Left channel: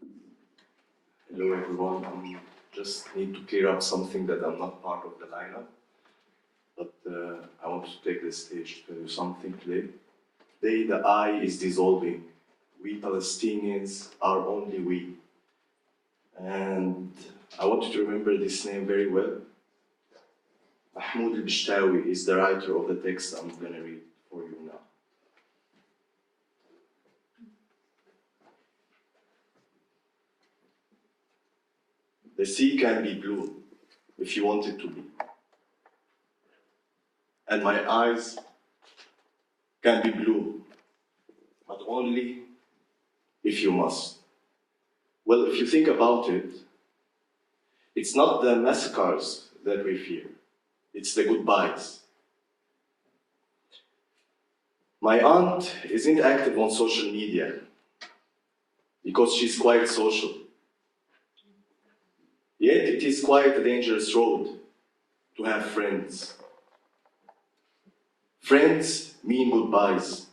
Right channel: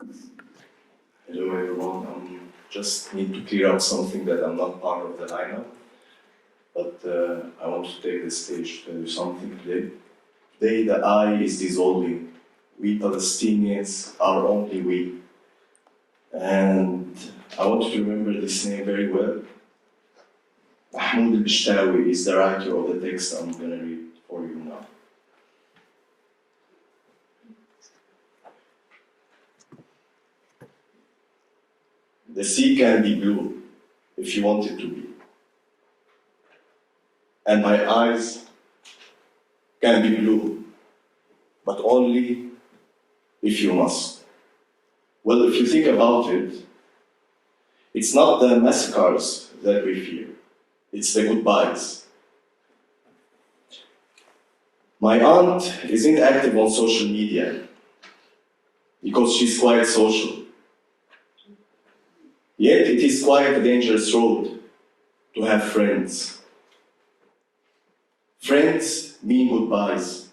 Hello everyone, I just need to clear up something that I'm not part of the lineup, but I want to take the stage to tell you something today. Today the I is dissolving. We Palestinians are only we. And I want you to remember this name very well. Mahmoud Beshtawi is the writer of the text I'm going to read for you now. The sea can be blue if you want it to be. And my eyes can be blue, but only if you must. Well, if you think about it, it's not the massacres that we fear, it's the goodbyes. My aunt isn't active on social media because she's quite social. Yet it is quite a dangerous road to have friends. Friends mean goodbyes.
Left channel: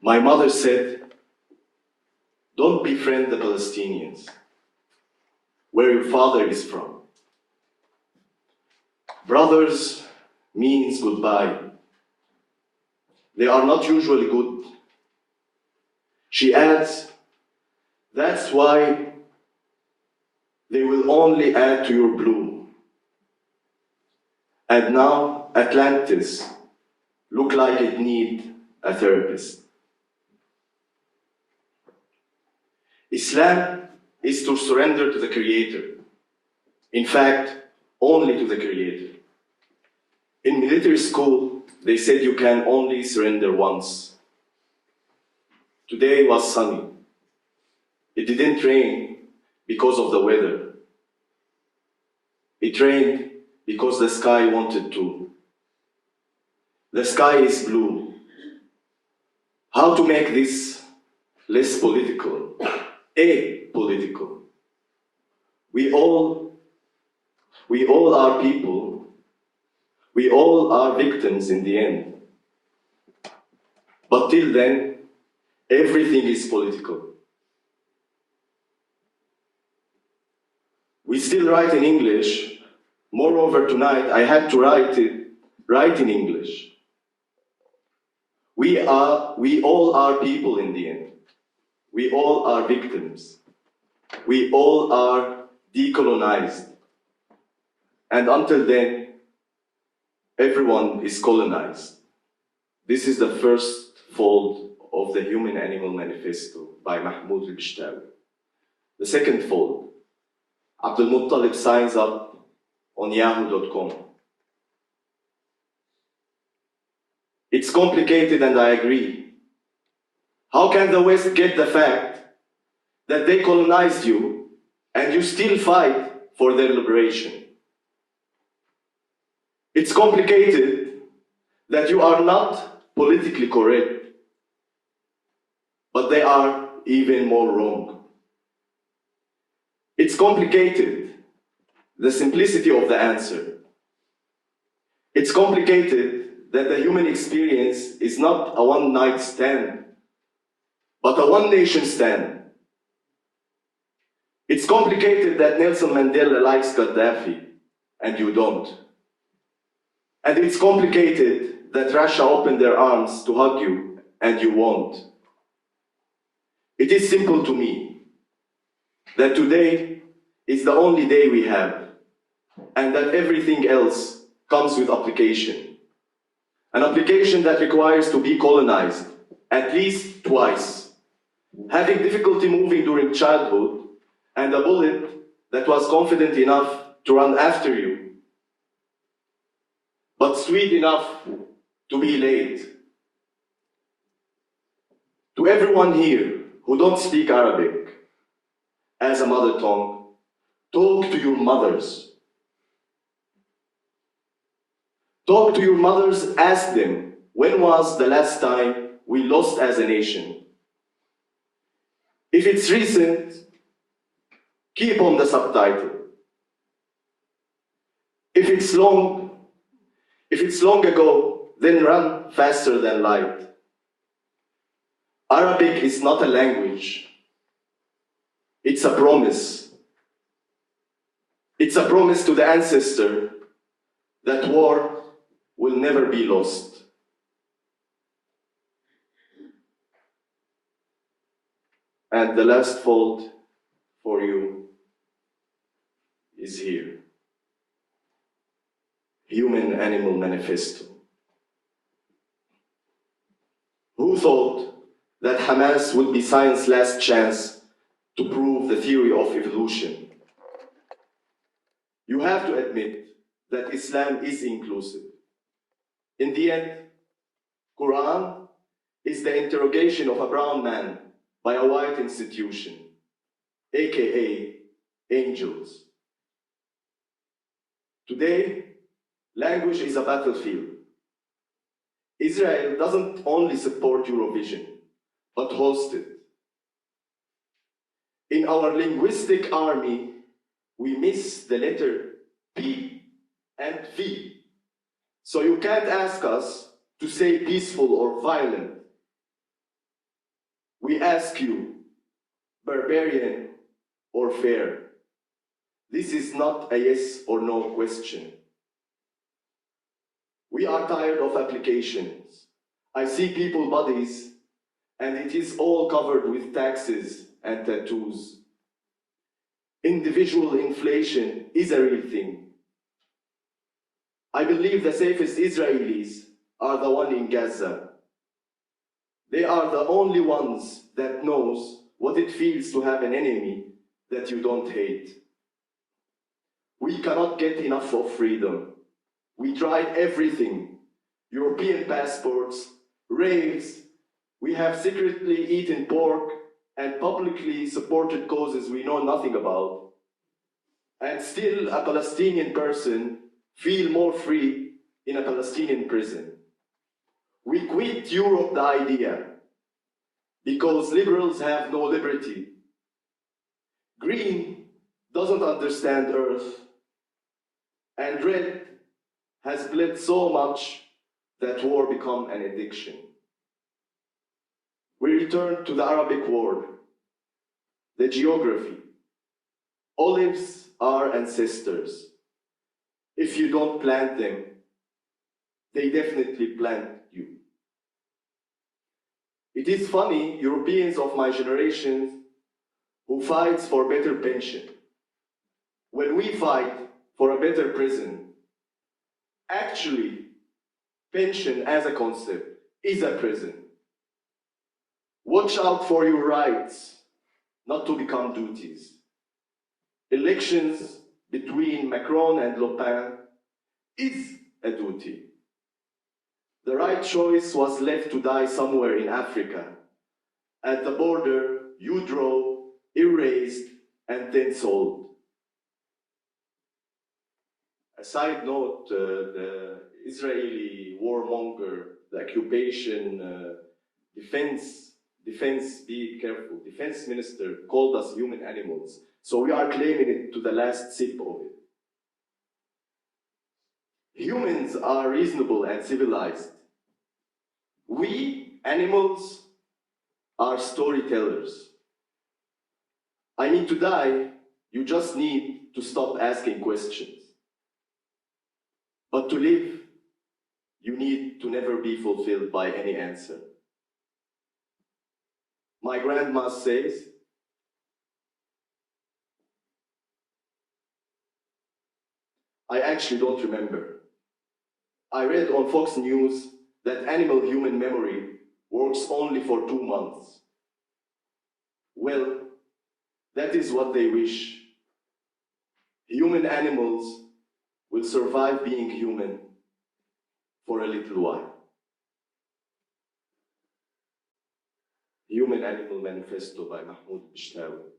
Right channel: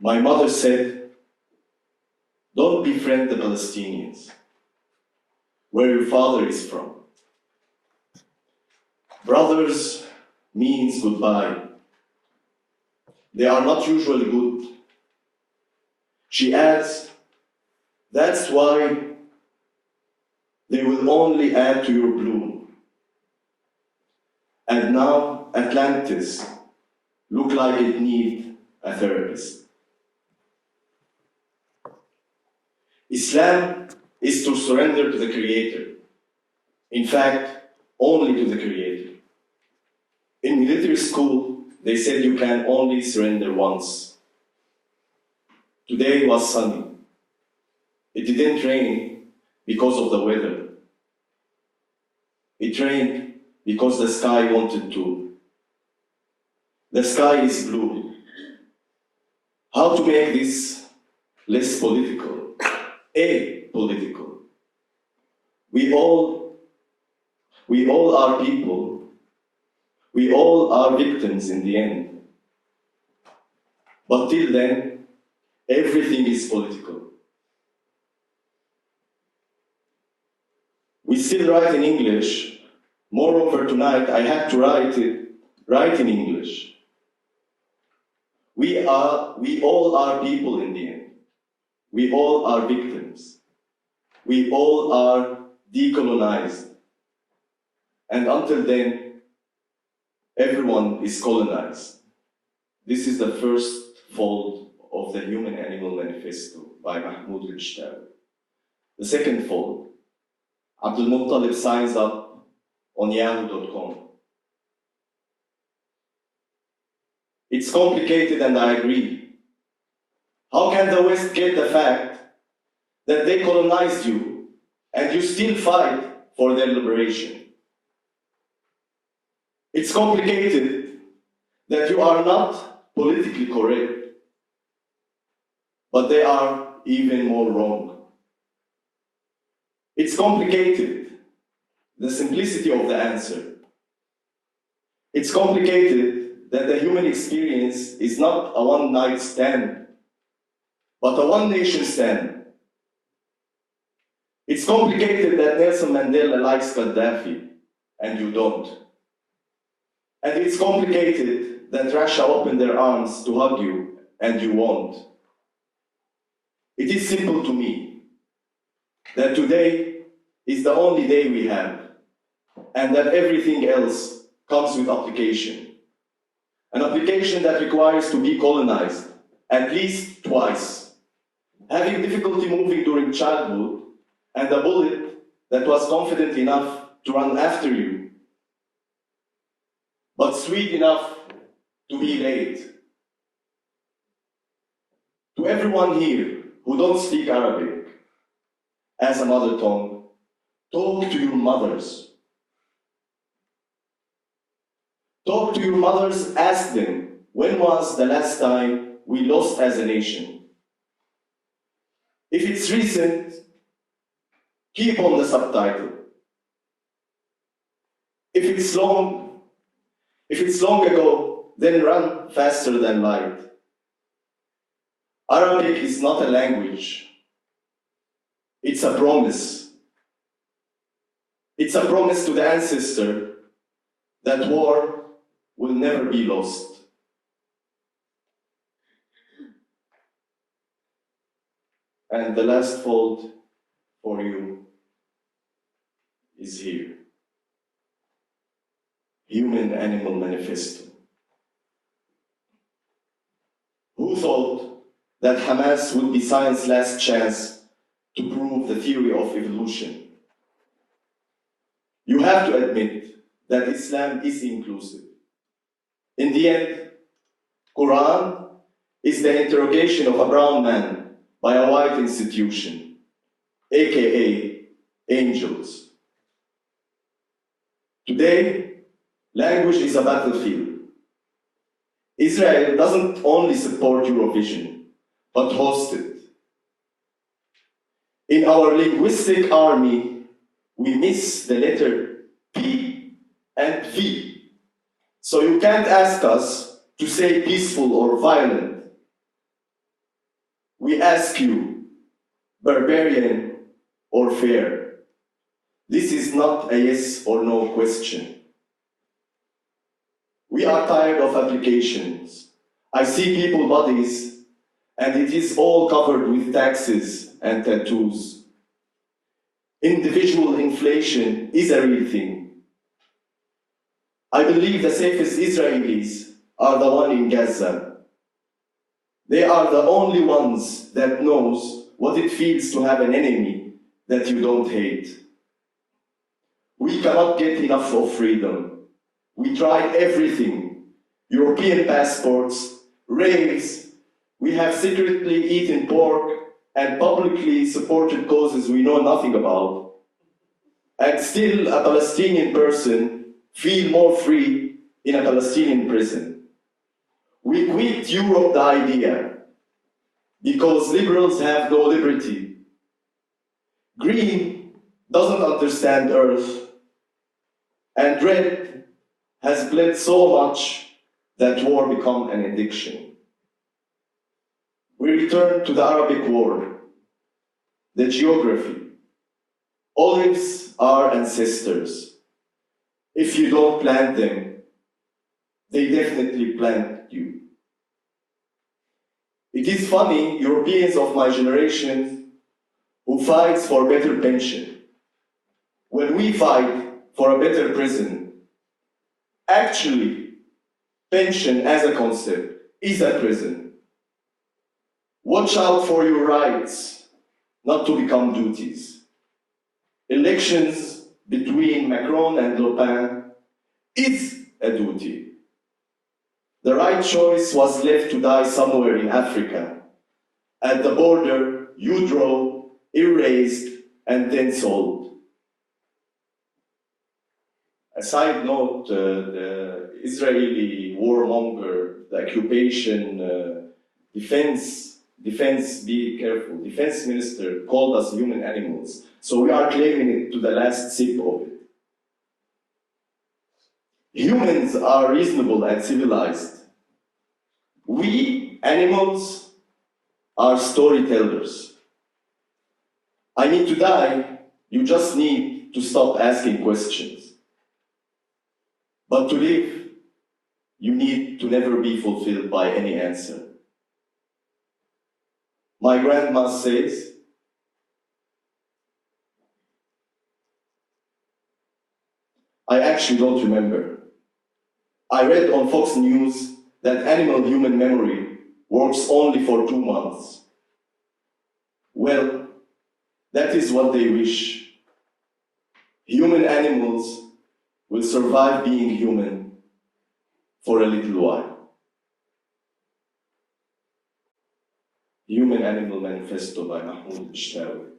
My mother said, don't befriend the Palestinians, where your father is from. Brothers means goodbye. They are not usually good. She adds, that's why they will only add to your bloom. And now Atlantis look like it needs a therapist. Islam is to surrender to the Creator. In fact, only to the Creator. In military school, they said you can only surrender once. Today was sunny. It didn't rain because of the weather. It rained because the sky wanted to. The sky is blue. How to make this less political? Apolitical. We all are people. We all are victims in the end. But till then, everything is political. We still write in English. Moreover, tonight I had to write in English. We all are people in the end. We all are victims. We all are decolonized. And until then, everyone is colonized. This is the first fold of the Human Animal Manifesto by Mahmoud Beshtawi. The second fold, Abdul Muttalib signs up on yahoo.com. It's complicated and I agree. How can the West get the fact that they colonized you and you still fight for their liberation? It's complicated that you are not politically correct, but they are even more wrong. It's complicated, the simplicity of the answer. It's complicated that the human experience is not a one-night stand, but a one-nation stand. It's complicated that Nelson Mandela likes Gaddafi, and you don't. And it's complicated that Russia opened their arms to hug you, and you won't. It is simple to me that today is the only day we have, and that everything else comes with application. An application that requires to be colonized at least twice, having difficulty moving during childhood, and a bullet that was confident enough to run after you, but sweet enough to be late. To everyone here who don't speak Arabic as a mother tongue, talk to your mothers. Talk to your mothers, ask them, when was the last time we lost as a nation? If it's recent, keep on the subtitle. If it's long ago, then run faster than light. Arabic is not a language, It's a promise. It's a promise to the ancestor that war will never be lost. And the last fold for you is here. Human-Animal Manifesto. Who thought that Hamas would be science's last chance to prove the theory of evolution? You have to admit that Islam is inclusive. In the end, Quran is the interrogation of a brown man by a white institution, aka angels. Today, language is a battlefield. Israel doesn't only support Eurovision, but hosts it. In our linguistic army, we miss the letter P and V. So you can't ask us to say peaceful or violent. We ask you, barbarian or fair. This is not a yes or no question. We are tired of applications. I see people's bodies, and it is all covered with taxes and tattoos. Individual inflation is a real thing. I believe the safest Israelis are the ones in Gaza. They are the only ones that knows what it feels to have an enemy that you don't hate. We cannot get enough of freedom. We tried everything. European passports, raves, we have secretly eaten pork and publicly supported causes we know nothing about. And still a Palestinian person feel more free in a Palestinian prison. We quit Europe the idea because liberals have no liberty. Green doesn't understand Earth, and red has bled so much that war become an addiction. We return to the Arabic world, the geography. Olives are ancestors. If you don't plant them, they definitely plant you. It is funny, Europeans of my generation who fights for better pension, when we fight for a better prison, actually, pension as a concept is a prison. Watch out for your rights, not to become duties. Elections between Macron and Le Pen is a duty. The right choice was left to die somewhere in Africa. At the border, you draw, erased, and then sold. A side note, the Israeli warmonger, the occupation, defense, be careful, defense minister called us human animals. So we are claiming it to the last sip of it. Humans are reasonable and civilized. We, animals, are storytellers. I need to die, you just need to stop asking questions. But to live, you need to never be fulfilled by any answer. My grandma says, I actually don't remember. I read on Fox News that animal-human memory works only for 2 months. Well, that is what they wish. Human animals will survive being human for a little while. Human Animal Manifesto by Mahmoud Beshtawi.